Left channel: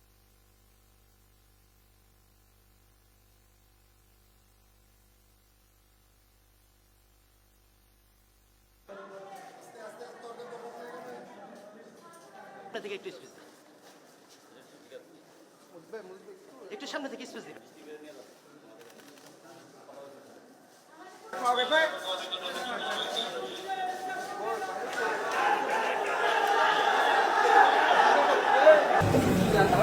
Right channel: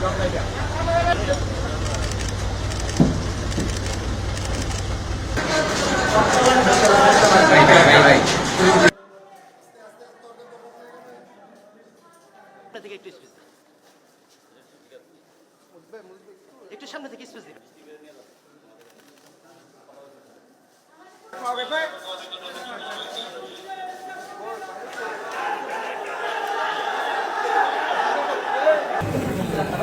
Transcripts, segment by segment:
একটু সামনে থেকে স্পেস দিবেন হবে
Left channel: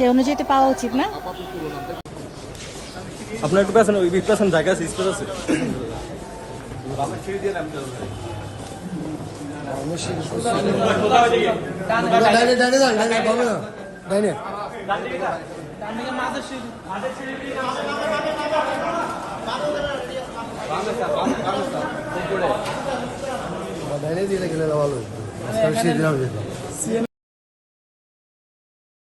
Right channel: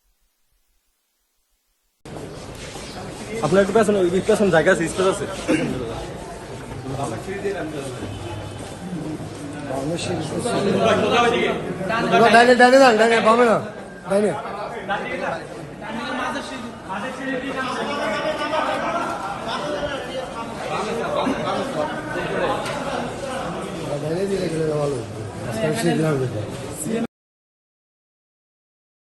সে অনুযায়ী তো পাওয়া উচিত না আপনার একটু পেছনে ওই পেছনে জায়গা আছে স্পেস আছে ডাইনে ডাইনে যান ডাইনে পাবে না ডাইনে ডাইনে দিয়ে গেলে ভালো সেদিন আমি যেতাম